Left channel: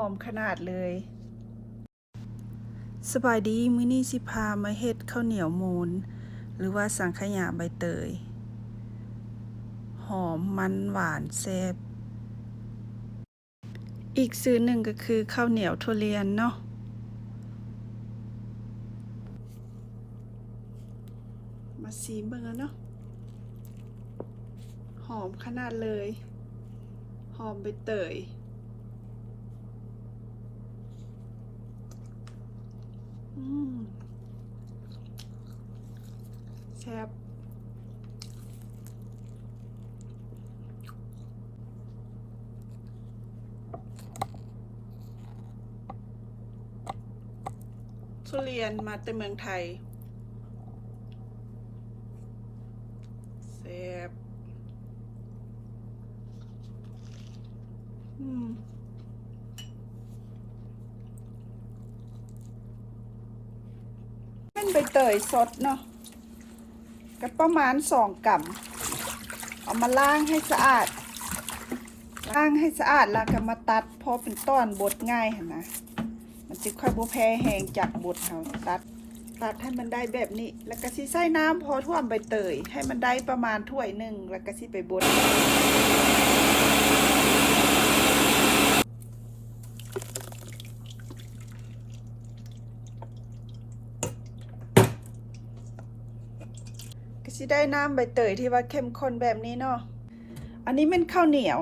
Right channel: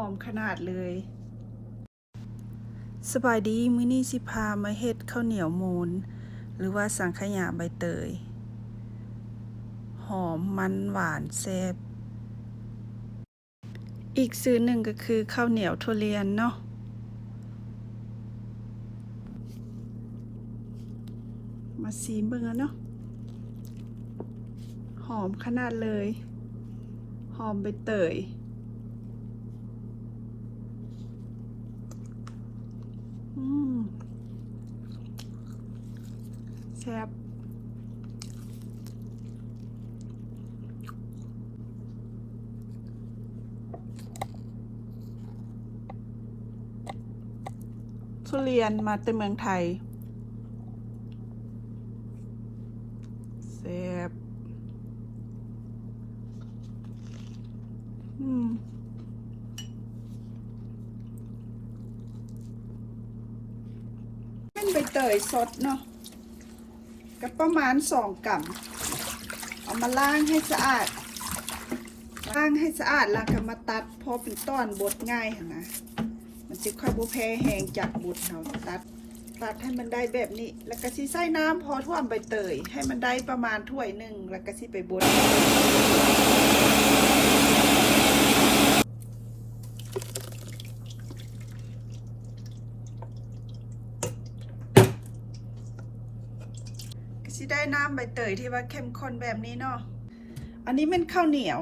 อมขนาดเลย สบายดีมื้อนี้สิพามาเฮ็ดข้าวเหนียวมูนหรือว่าสังขยาใบเตย หอมมันหวานแซ่บอีกซื้อหนึ่งก็คือข้าวเหนียวทุเรียนเนาะมาซีเบิ่งแล้วเนาะหอมขนาดเลย หอมใบเตย อืมแซ่บทุ เรียนมาแต่เมืองไทยแซ่บเป็นใบเตยสดเนาะก็ประมาณสองกำเอามาล้างให้สะอาดล้างให้สะอาดแล้วก็มาตัดพอเป็นต้อนบดง่ายนะ มันจะค่อยบ่แพ้แห้งจากบดเนาะตัดตัดให้มันได้แบบนี้ แล้วก็สิใส่น้ำพอท่วมใบเตย ให้มันได้ประมาณถ้วยหนึ่งแล้วก็สิไปบดก็สิได้น้ำใบเตยที่ว่าเข้มข้นแบบนี้เนาะ อันนี้เป็นข้าวเหนียว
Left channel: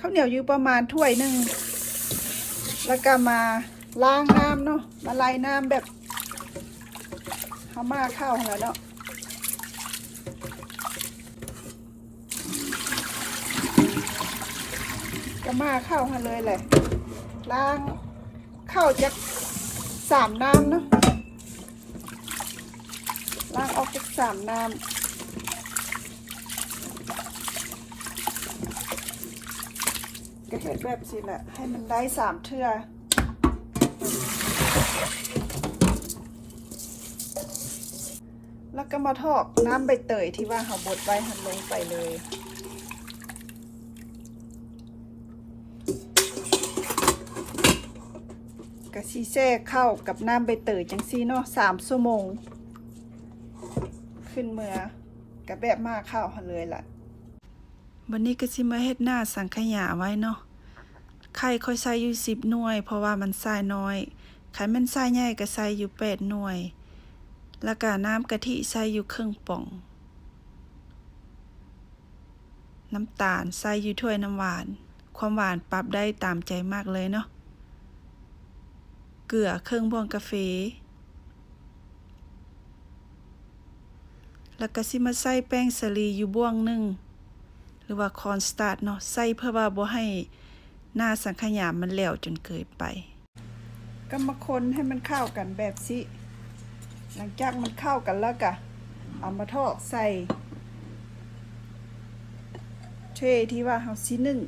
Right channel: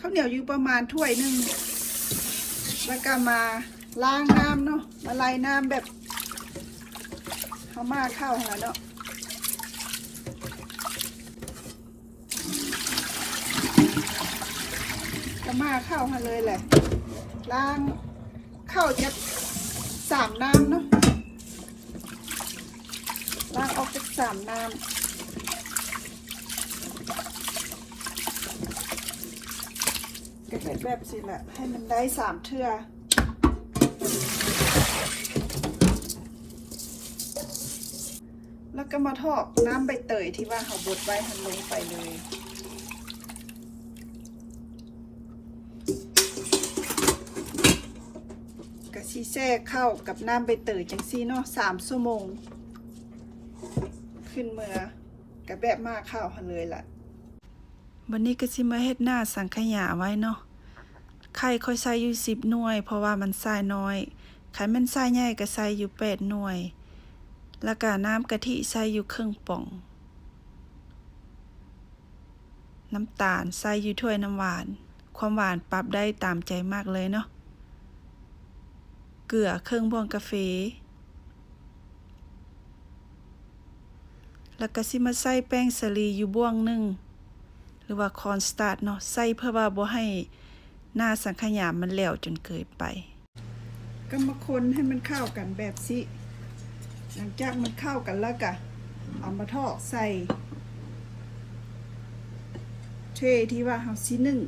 ข้าวเหนียวอยู่ประมาณถ้วยหนึ่งแล้วก็มา ล้างน้ำเนาะละลายน้ำแบบเขามาข้าวหัวเนาะก็มาข้าวมาเลยแหละล้างข้าวจะสามน้ำเนาะล้างออกจากสามน้ำก็เห็นแบบสิแหละให้มันได้สามเทื่อ แล้วก็มาทอกน้ำใบเตยที่ว่าเขาบดไว้ให้ลงไปเลยกะซีแซ่เข้ากับน้ำใบเตยจังซี่เนาะสามชั่วโมง ขึ้นเมื่อกะแบบมากข้าวหันเลยล่ะวันนี้ก็สิมาเฮ็ดหน้าสังขยาไว้เนาะไข่ค่อยใส่อยู่สิบหน่วย เพราะว่ามันใส่น้อย ไข่มันใส่ใหญ่ก็ใส่อยู่แปดหน่วย แล้วก็น้ำกะทิใส่อยู่ครึ่งป่อง น้ำตาลใส่อยู่ถ้วยน้ำหวาน ความหวานปรับได้ตามใจมากเลยเนาะ เกลือเครื่องบวงกาแฟแล้วก็สิมาใส่แป้งสาลีอยู่บ้วงหนึ่งหรือว่าคอนสตาร์ทเนาะใส่เพื่อว่าบ่ให้หน้าสังขยามันแหลวจนเกินไป ก็มาคนให้มันเข้ากันแบบสิหลังจากมันเข้ากันแล้วก็เอามาทอดใส่เทที่ว่าเฮาสินึ่ง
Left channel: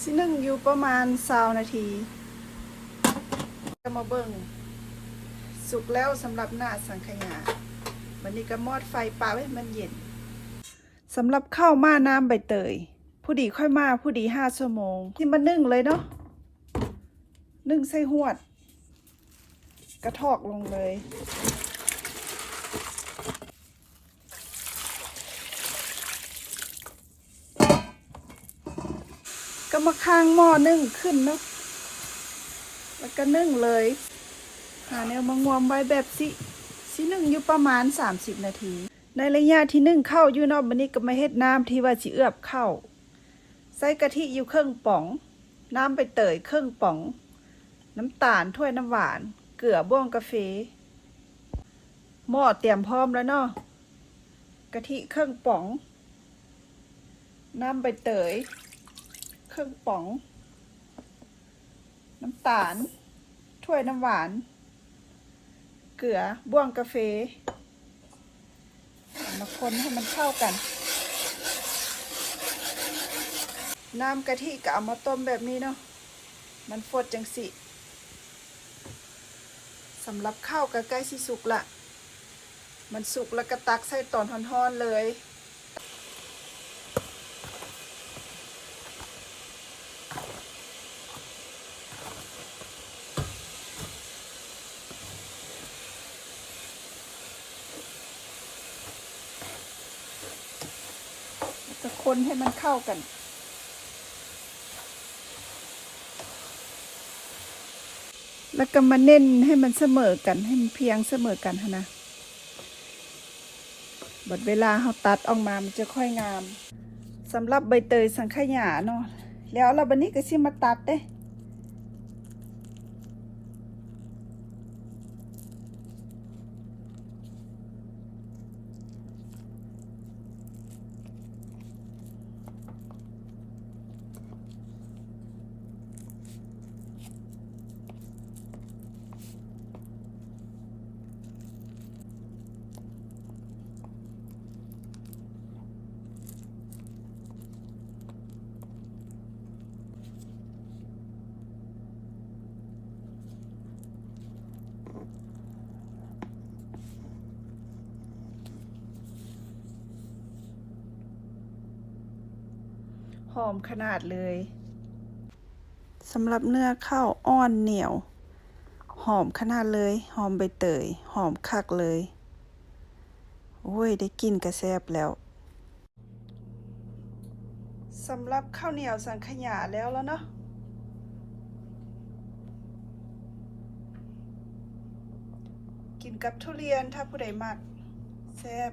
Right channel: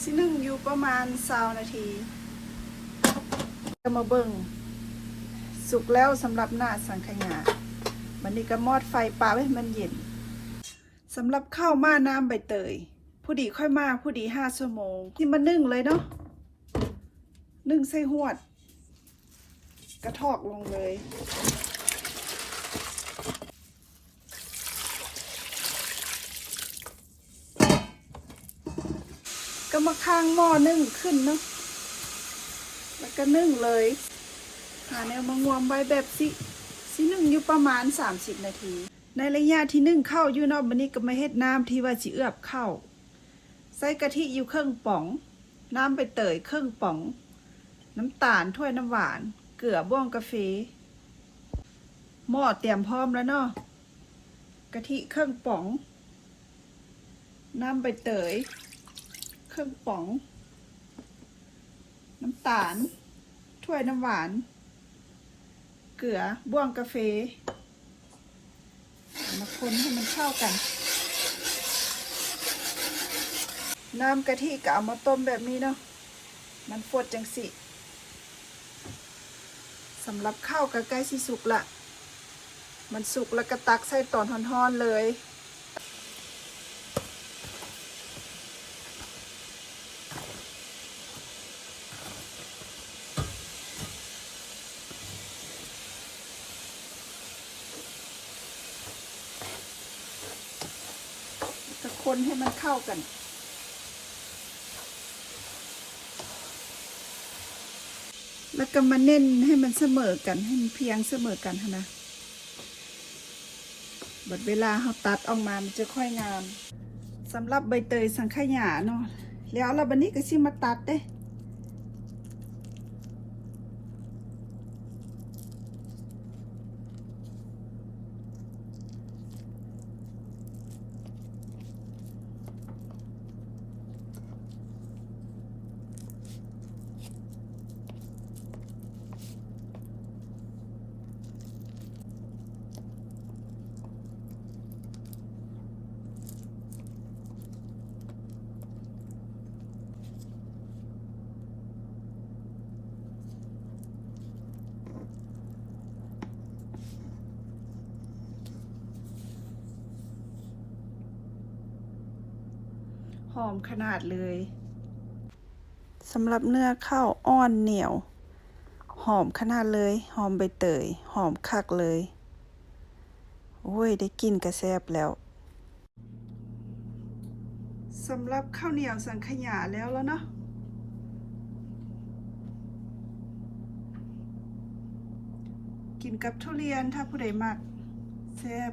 สินึ่งอยู่ประมาณ20นาทีก็มาเบิ่งสุกแล้วสำหรับหน้าสังขยาวันนี้ก็มอดไฟปลาไว้ให้มันเย็น สำหรับข้าวมาน้ำใบเตย ผู้ดีค่อยมาผู้ดีห้าชั่วโมง ที่มานึ่งเลยเนาะนึ่งใส่หวด กระทอกลงเลย ก็มาค้างหม้อนึ่งขึ้นเนาะแล้วก็นึ่งเลยหาแนวมางวมไว้แบบสิสินึ่งอยู่ประมาณ 30 นาที ในระยะที่นึ่งเข้าอยู่นอกบันนี้ก็มาเฮ็ดน้ำที่ว่าสิเอือบเข้า ใส่กะทิอยู่เครื่องป๋อง น้ำไปเตยเครื่องป๋อง น้ำตาลถ้วยน้ำหวาน เกลือบ้วงกาแฟหม้อเตรียมพร้อมแล้วเนาะกะทิเครื่องป๋อง น้ำใบเตย เครื่องป๋อง น้ำตาล ถ้วยน้ำหวาน เกลือบ้วงกาแฟ มาคนให้มันเข้ากัน น้ำกะทิก็เอามาต้มแบบนี้เนาะมันฟดจังสิสำหรับข้าวก็ใกล้สิสุกละ มันสุกแล้วก็ตักใส่ตอนหอนๆเลย ให้มันเข้ากัน แล้วก็มาเน้นให้มันเสมอกันให้มันเพียงเสมอกันนะบัดเวลาเขาตัดออกมามันจะค่อยงามสำหรับใบเตยสังขยาเนาะแล้วเราบันนี้ก็ชิมาตัดเด้ อมขนาดเลยสำหรับเนื้อข้าวอ่อนเหนียว หอมขนาดเลย หอมใบเตย หอมคักเลยโอ้ยได้กินกระแซบแล้วสำหรับข้าวเหนียวสังขยาแล้วแล้วเนาะกินกับทุเรียนถ้าผู้ใดมักแซ่บ